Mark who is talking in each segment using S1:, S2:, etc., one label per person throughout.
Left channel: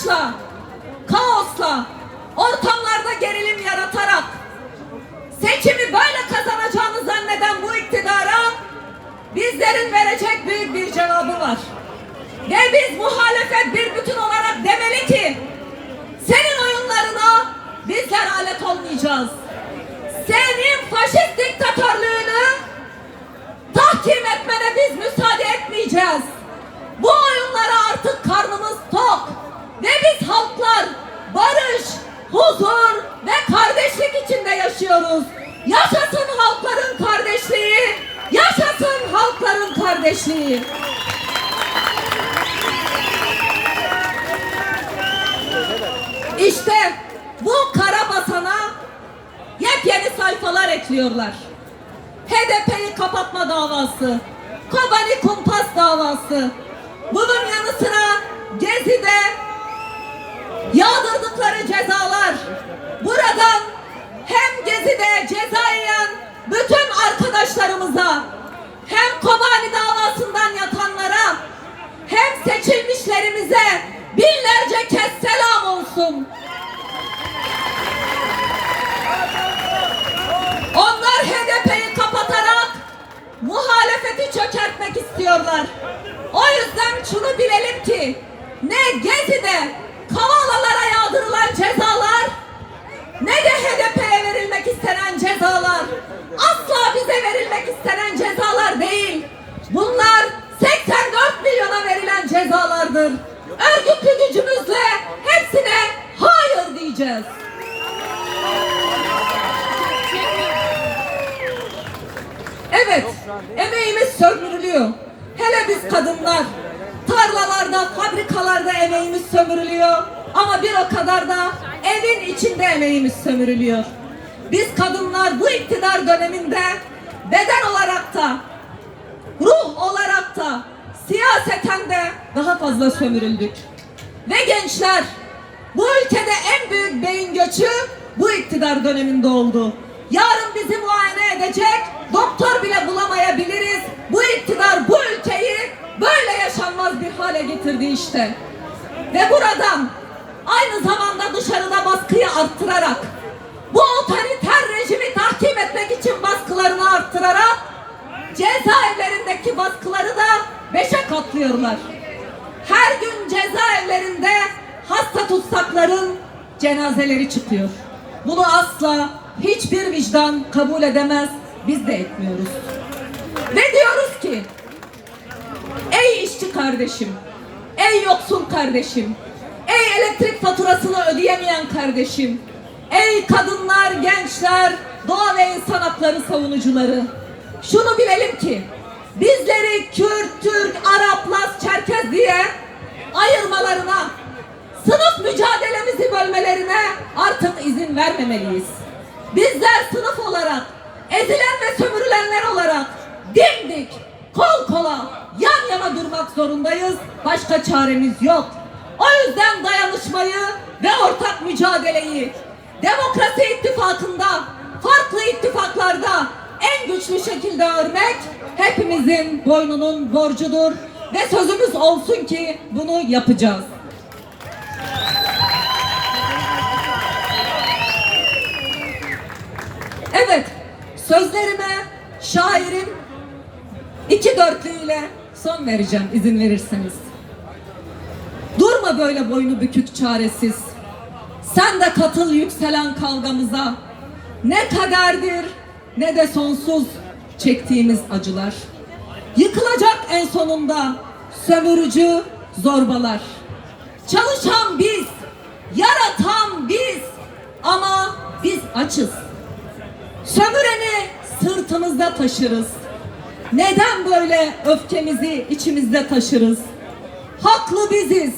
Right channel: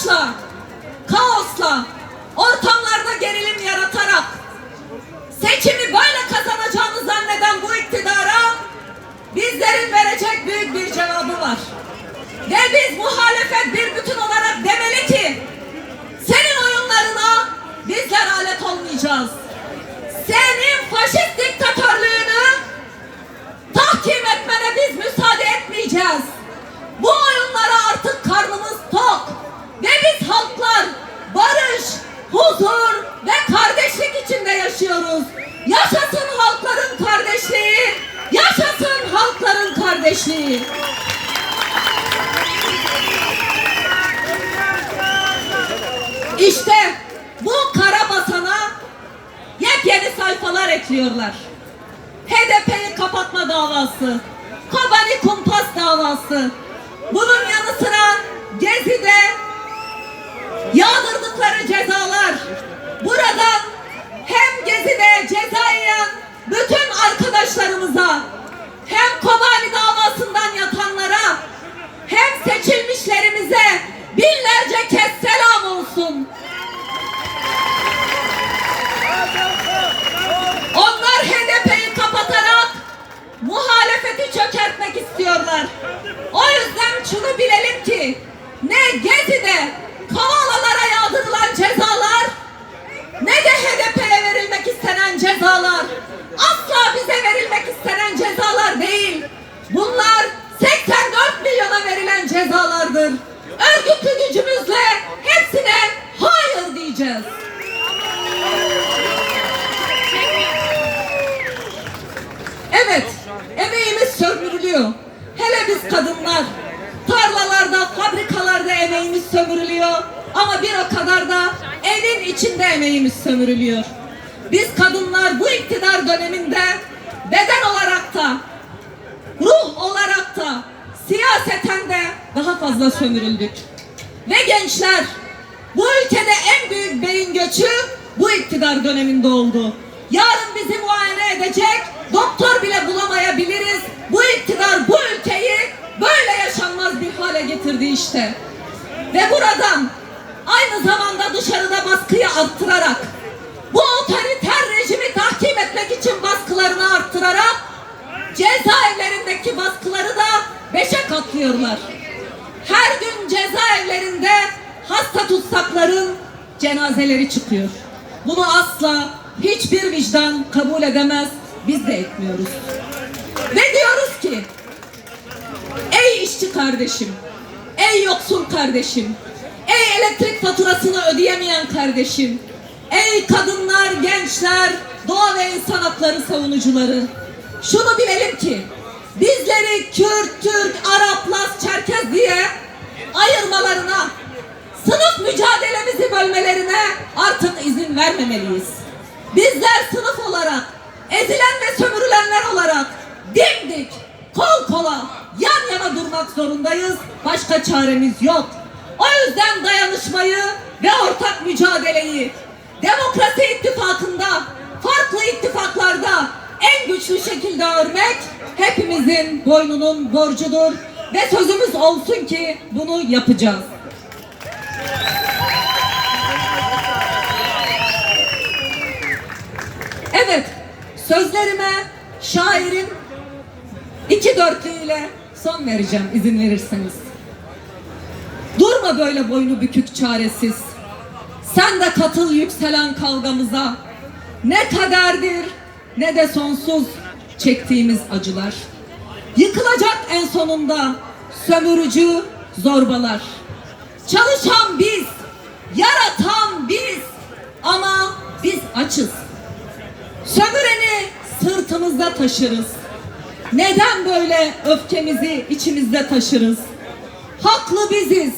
S1: savaşla, kaosla, ortamlarda gerilim yaratarak seçimi böyle kazanacağını zanneden bu iktidara bizlerin verecek büyük bir cevabı var. Ve biz muhalefet bir bütün olarak demeli ki senin oyunlarına bizler alet olmayacağız. Senin faşist diktatörlüğünü tahkim etmene biz müsaade etmeyeceğiz. Bu oyunlara artık karnımız tok. Ve biz halklar barış, huzur ve kardeşlik içinde yaşıyoruz. Yaşasın halkların kardeşliği, yaşasın halkların kardeşliği. İşte bu kara basana yepyeni sayfalar ekliyorlar. HDP'yi kapatma davası, Kobani kumpas davası. Bunun yanı sıra Gezi'de yağdırdıkları cezalar. Buradan hem Gezi'de ceza yiyen bütün arkadaşlarımıza hem Kobani davasından yatanlara hem seçilmişlerimize binlerce kez selam olsun. Onlar HDP'yi kapatarak muhalefeti çökertmek istiyorlar. O yüzden şunu bilelim ki ne Gezi'de asla bize verilmek istenen cezalar değil. Bunlar 84 milyona verilen cezalardır. Örgütlü gücümüzle hepsine hayır diyeceğiz. Evet, emeğimiz sömürülüyor. Hele biz kadınlar, tarlalarda, fabrikalarda emeğimiz sömürülüyor. Ama bir o kadar da evin içinde emeğimiz sömürülüyor. Biz kadınlar bu iktidar döneminde beden olarak da, ruh olarak da, siyaseten de daha fazla sömürüldük. Ve gençler, bu ülkede en büyük beyin göçü bu iktidar döneminde oldu. Yarın bizi muayene edecek doktor bile bulamayabiliriz. Bu iktidar bu ülkeyi böyle yaşanmaz bir hale getirdi işte. Ve buradan aynı zamanda dışarıda baskıyı arttırarak bu otoriter baskılarını arttırarak cezaevlerindeki baskıları da beşe katlıyorlar. Her gün cezaevlerinde hasta tutsakların cenazeleri çıkıyor. Bunu asla hiçbir vicdan kabul edemez. Biz de etmiyoruz. Ve diyoruz ki ey işçi kardeşim, ey yoksul kardeşim, ey elektrik faturasını ödeyemeyen kardeşim, ey kadınlar, gençler, doğa ve insan hakları savunucuları. Şunu bilelim ki bizleri Kürt, Türk, Arap, Laz, Çerkez diye ayırmalarına, sınıf mücadelemizi bölmelerine artık izin vermemeliyiz. Bizler sınıf olarak, ezilen ve sömürülenler olarak dimdik, kol kola, yan yana durmak zorundayız. Başka çaremiz yok. O yüzden dayanışmayı ve ortak mücadeleyi Demokrasi ittifakında, farklı ittifaklarda en güçlü şekilde örmek hepimizin boynunun borcudur ve sözümüz olsun ki bunu yapacağız. Evet, sözlerime şairin iki dörtlüğüyle son vereceğim izin verirseniz. Durma böyle boynu bükük çaresiz. Sen de katıl yükselen kavgamıza. Ne kaderdir ne de sonsuz çektiğimiz acılar. Yıkılacak en sonunda sömürücü zorbalar. Çalışan biz, yaratan biz ama biz açız. Sömüreni sırtımızda taşırız. Neden böyle öfkemizi içimizde taşırız? Haklı biziz,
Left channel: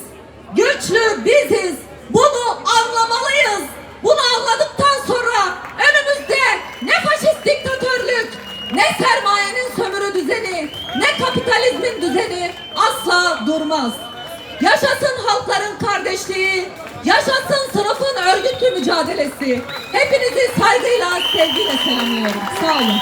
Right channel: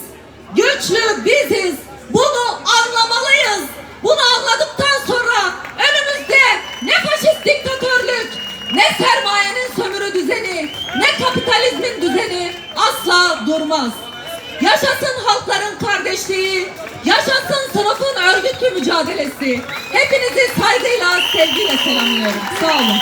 S1: güçlü biziz. Bunu anlamalıyız. Bunu anladıktan sonra önümüzde ne faşist diktatörlük, ne sermayenin sömürü düzeni, ne kapitalizmin düzeni asla durmaz. Yaşasın halkların kardeşliği, yaşasın sınıfın örgütlü mücadelesi. Hepinizi saygıyla, sevgiyle selamlıyorum. Sağ olun.